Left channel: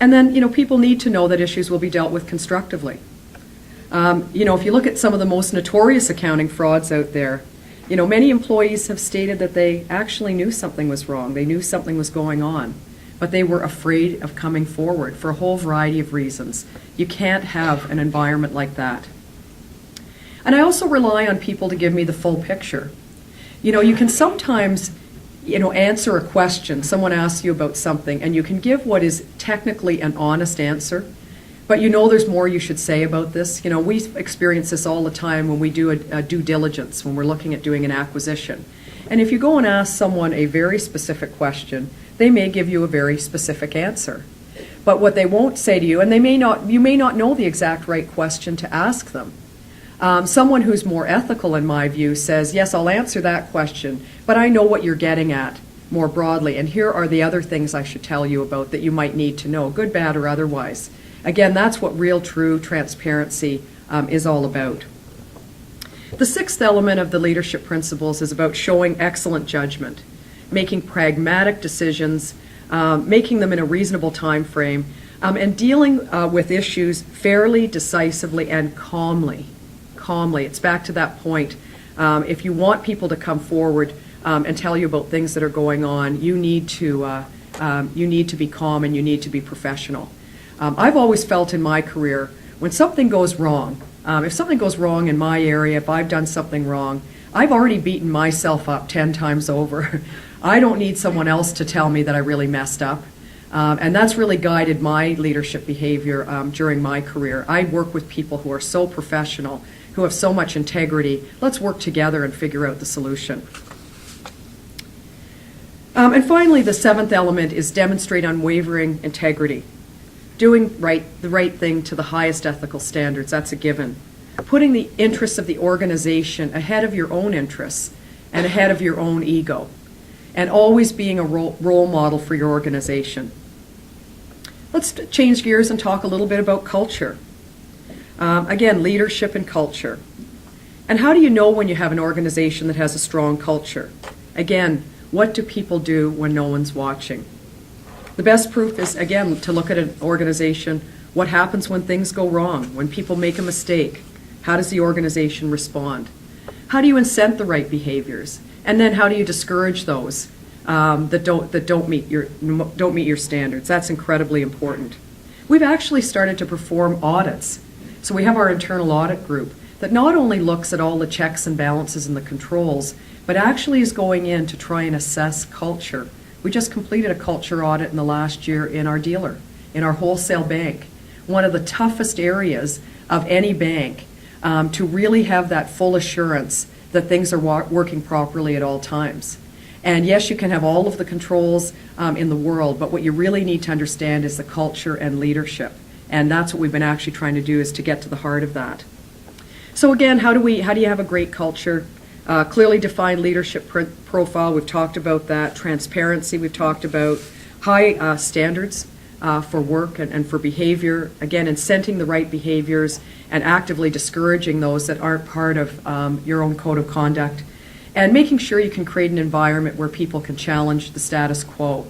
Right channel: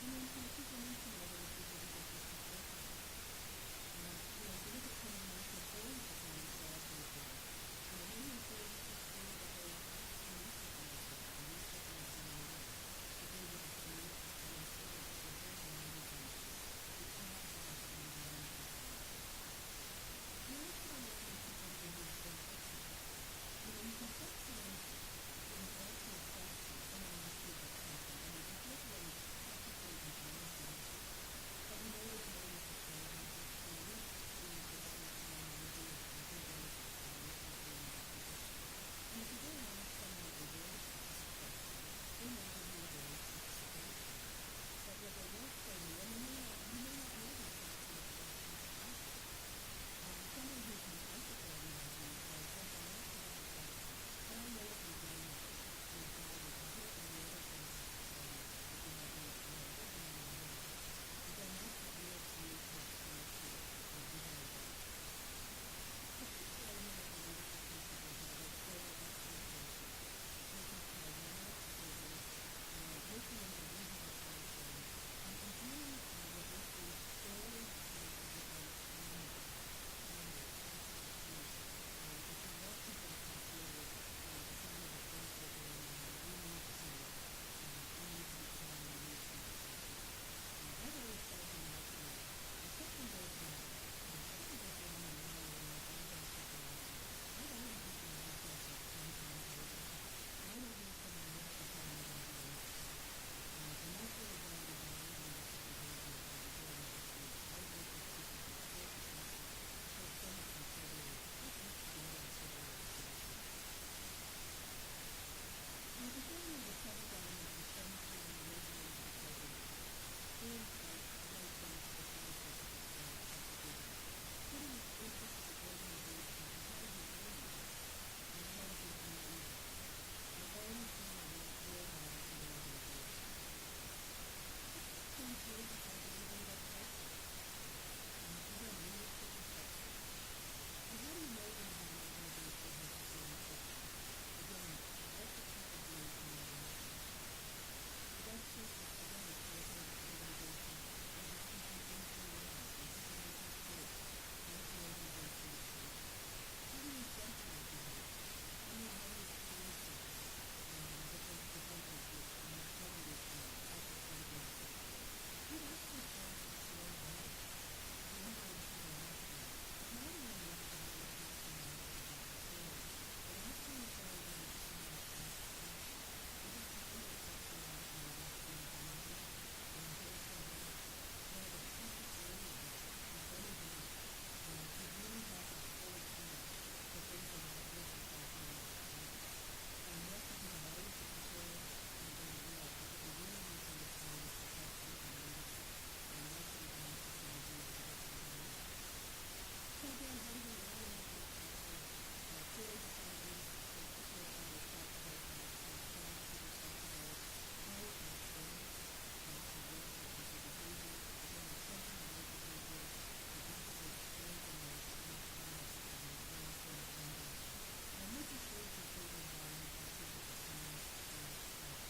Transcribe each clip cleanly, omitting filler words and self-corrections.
And then, people need to know that issues will be dealt with constructively. If you look at some of the most notorious accounting frauds out there, many employees have stated that they actually knew something was wrong. They knew something was going on, but they were afraid of coming forward for a whole variety of reasons. You can't have an environment like that. And I also rely on people to give me the full picture. You can sometimes, answer a question. Someone asks you about something, and you can give what is technically an honest answer, but there's more you should say about this. We experience this all the time when we do a due diligence, when we're looking at doing an acquisition. And if you go and ask someone a very specific question, they may give you a very specific answer. But what they won't say to you, and you may not know the exact right question to ask them. Someone who's more ethical, in my view, says, yes, I'll answer that question, but I know what you're getting at more broadly, and here are the other things I should tell you about that you might need to know, good, bad, or otherwise. Again, that's what real, true transparency is all about. The sixth element of the leadership principles is about showing excellent judgment, making pragmatic decisions, making them in a reasonable time frame, and dealing with issues fairly, decisively, and calmly. It's back to that point. If you want people to come forward and tell you about things that are going on, you need to be calm and you need to be professional. I've always felt in my career, when something goes wrong, if something goes wrong in my area, if I've done something wrong, I've already beaten myself up 10 times over. I don't need someone else to tell me that I really messed up. And that's really guided my leadership behavior during my career. I work with people who are so professional, who have so much integrity. Let's work together and figure out the solution. And finally, the seventh element is demonstrate unwavering integrity. Doing the right thing to the highest ethical standards, that's a given. Putting the interests of the organization ahead of your own interests and ahead of your own ego. And always being a role model for your organization. Let's change gears and talk a little bit about culture. Again, leadership and culture. And how do you know when you have an organization that has a strong culture? Again, what do people do when no one's watching? The best proof is, again, to look at an organization. What happens when things go wrong, when people make a mistake? How does the organization respond? How do you incent the right behaviors? And then how do you discourage those that don't meet your standards? That's incredibly important. We've actually started to perform audits. So we have our internal audit group that not only looks at all the checks and balances and the controls, but actually is going in to try and assess culture. We just completed a culture audit in the last year in our dealer, in our wholesale bank, one of the toughest areas of any bank, to really have that full assurance that things are working properly at all times. And yes, you can have all of the controls in the world, but what you really need to understand is the culture and leadership. And that's what we've been actually trying to do, is to get to the heart of that. So again, how do you have a great culture? Clearly defined leadership profile, we've talked about that. Transparency, we've talked about. High standards for work and for behavior. Again, incenting the right behaviors and actively discouraging those that aren't part of your own code of conduct. And making sure you can create an environment where people can challenge the status quo.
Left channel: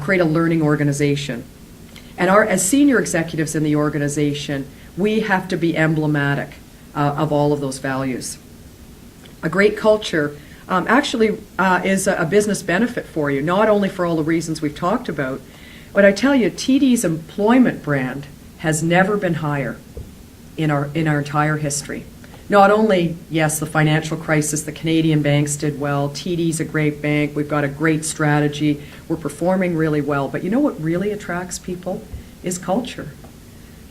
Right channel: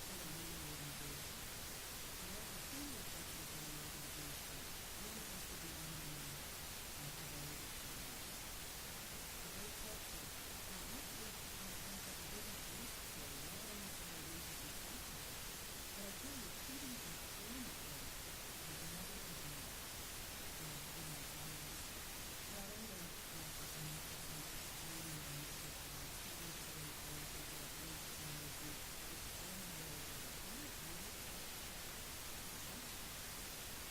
Create a learning organization. And as senior executives in the organization, we have to be emblematic of all of those values. A great culture actually is a business benefit for you, not only for all the reasons we've talked about, but I tell you, TD's employment brand has never been higher in our entire history. Not only, yes, the financial crisis, the Canadian banks did well, TD's a great bank, we've got a great strategy, we're performing really well, but you know what really attracts people is culture.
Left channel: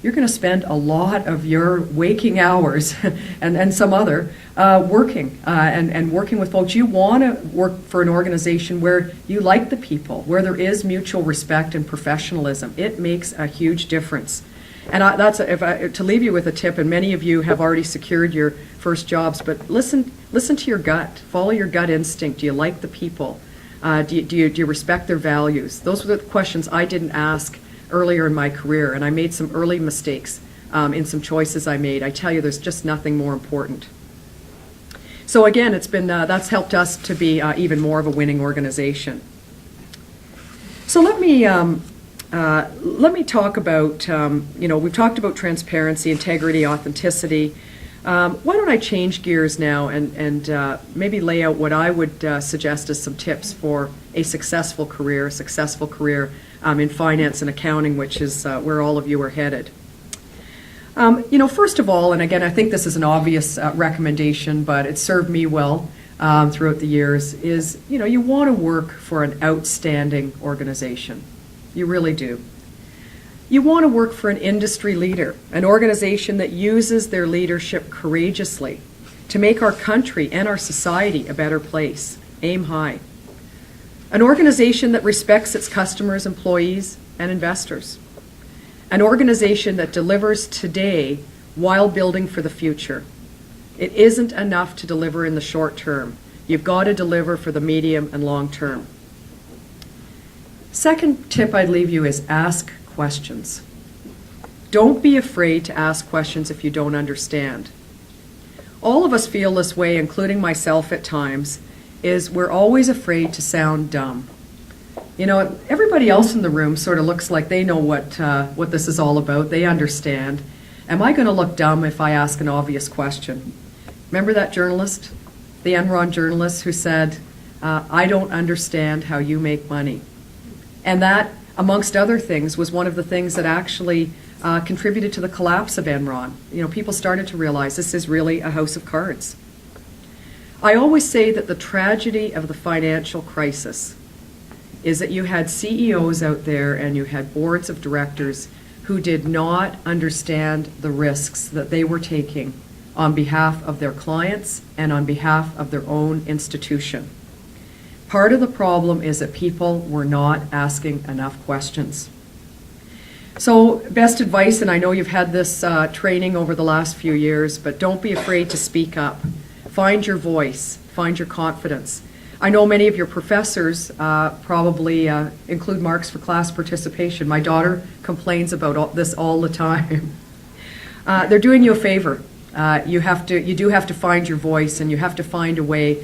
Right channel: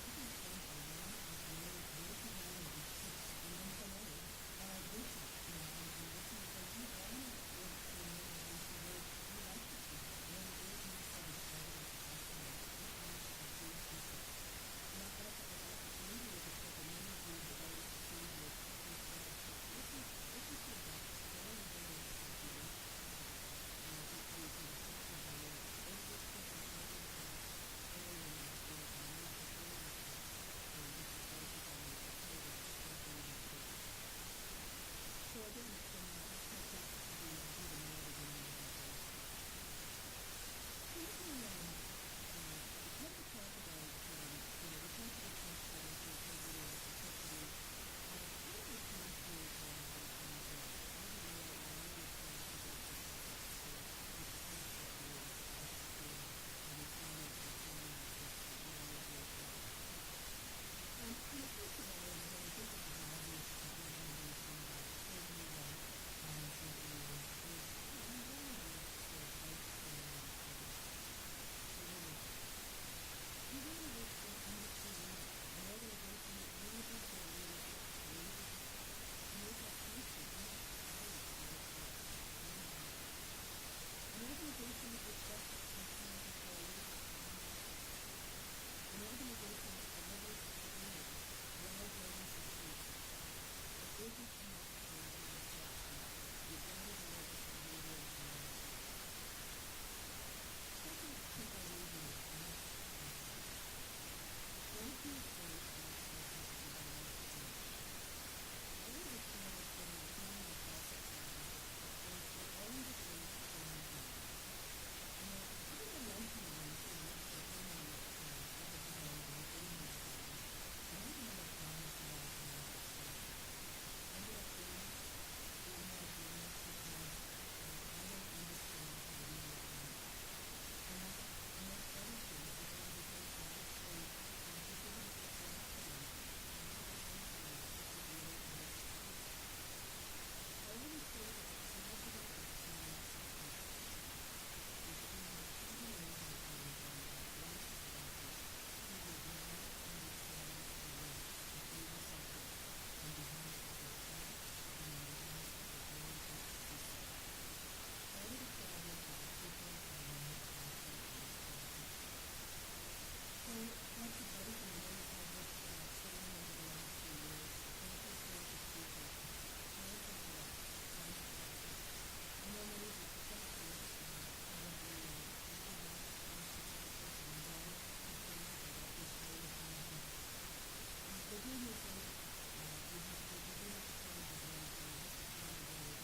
You're going to spend a lot of your waking hours and some other working and working with folks. You want to work for an organization where you like the people, where there is mutual respect and professionalism. It makes a huge difference. And to leave you with a tip, and many of you have already secured your first jobs, but listen to your gut. Follow your gut instinct. Do you like the people? Do you respect their values? Those were the questions I didn't ask earlier in my career, and I made some early mistakes in some choices I made. I tell you, there's just nothing more important. So again, that's helped us to be even more of a winning organization. So let me let me talk about, we've talked about transparency, integrity, authenticity. Why don't I change gears now and maybe lay out what I would suggest as some tips for a successful career in finance and accounting, which is where all of you are headed. First of all, and again, I think this is an obvious recommendation, but it served me well throughout the years, is, you want to work for an outstanding organization. You really do. You want to work for an industry leader, an organization that uses their leadership courageously to make our country and our society a better place. Aim high. An organization that respects its customers, employees, and investors. An organization that delivers today while building for the future. It isn't enough to deliver in the short term. You've got to deliver for the medium and long term. Second tip I'd leave you is ask questions. Don't be afraid to ask questions if you don't understand. All of us feel this way, including myself at times, is we're always afraid to sound dumb. Everybody else in the room sort of looks like they know what this is all about. They understand. Am I going to look dumb if I ask an obvious question? Remember that journalist, the Enron journalist, who said, I don't understand how you make money. And that, amongst other things, was one of the things that actually contributed to the collapse of Enron. People started to realize this is really a house of cards. I always say that the tragedy of the financial crisis is that you had CEOs out there and you had boards of directors who did not understand the risks that they were taking on behalf of their clients and on behalf of their own institution. Part of the problem is that people were not asking enough questions. So, best advice, and I know you've had this training over the last few years, but don't be afraid to speak up. Find your voice, find your confidence. I know many of your professors probably include marks for class participation. My daughter complains about this all the time. They're doing you a favor. You do have to find your voice, and you have to find a way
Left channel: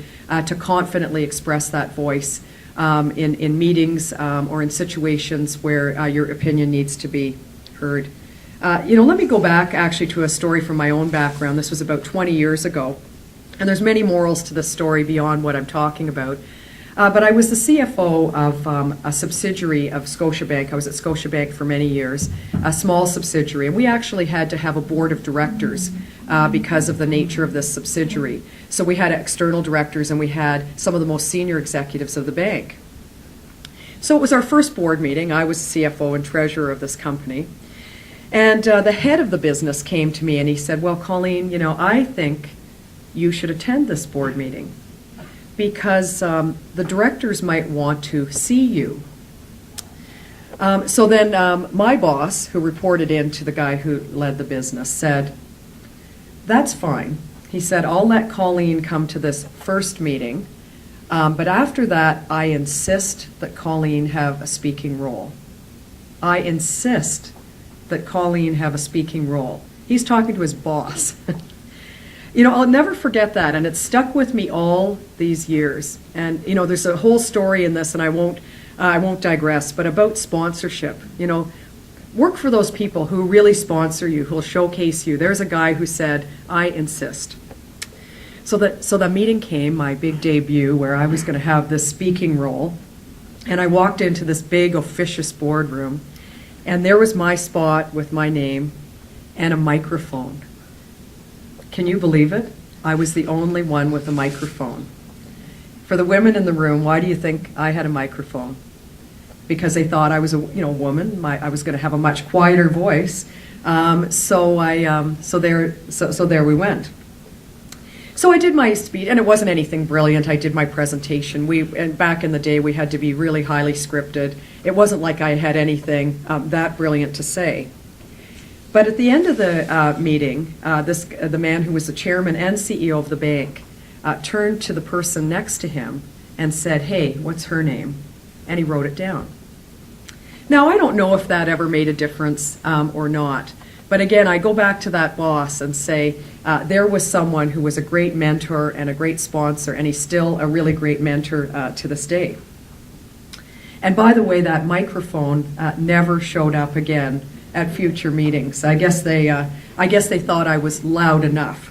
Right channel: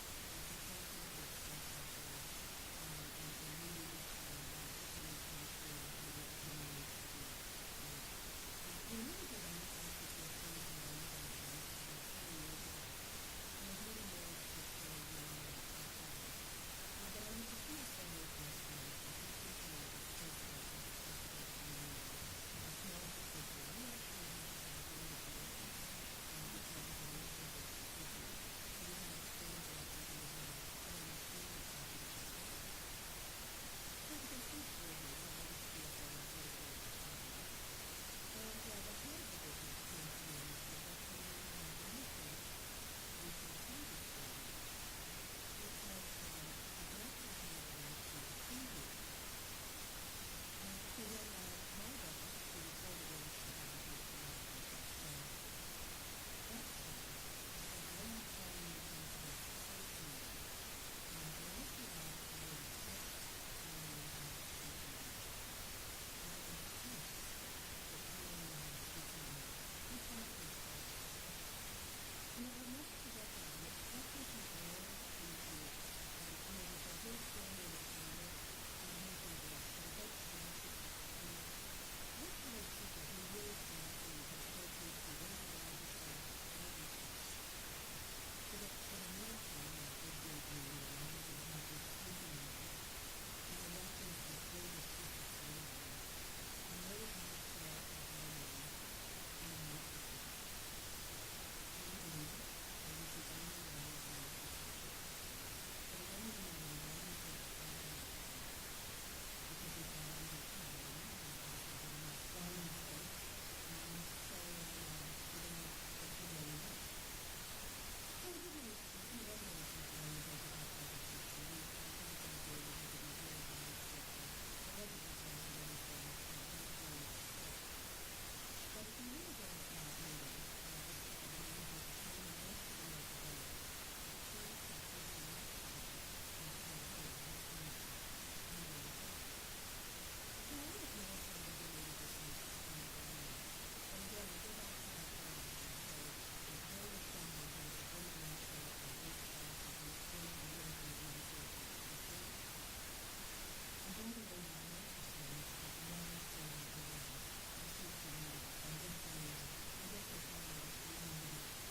to confidently express that voice in meetings or in situations where your opinion needs to be heard. Let me go back actually to a story from my own background. This was about 20 years ago, and there's many morals to this story beyond what I'm talking about. But I was the CFO of a subsidiary of Scotiabank. I was at Scotiabank for many years, a small subsidiary, and we actually had to have a board of directors because of the nature of this subsidiary. So we had external directors and we had some of the most senior executives of the bank. So it was our first board meeting. I was CFO and treasurer of this company. And the head of the business came to me and he said, well, Colleen, I think you should attend this board meeting because the directors might want to see you. So then my boss, who reported in to the guy who led the business, said, that's fine. He said, I'll let Colleen come to this first meeting, but after that, I insist that Colleen have a speaking role. I insist that Colleen have a speaking role. He's talking to his boss. I'll never forget that, and it's stuck with me all these years. And, there's a whole story in this, and I won't digress, but about sponsorship. Work for those people who really sponsor you, who'll showcase you. There's a guy who said, I insist. So the meeting came, my big debut, where I was going to have this speaking role, and I walked into this big officious boardroom, and there was my spot with my name and a microphone. Can you believe it? I was the only one with a microphone. For the women in the room, why do you think I had a microphone? Because they thought I was a woman. I was going to have a much quieter voice. So there we went. So I did my speech, and it wasn't anything brilliant. I did my presentation. And back in the day, we had to be really highly scripted. It wasn't like I had anything that brilliant to say. But at the end of the meeting, the man who was the chairman and CEO of the bank turned to the person next to him and said, hey, what's her name? And he wrote it down. Now, I don't know if that ever made a difference or not. But again, I go back to that boss and say, there was someone who was a great mentor and a great sponsor, and he's still a really great mentor to this day. And by the way, that microphone never showed up again at future meetings. I guess they thought I was loud enough.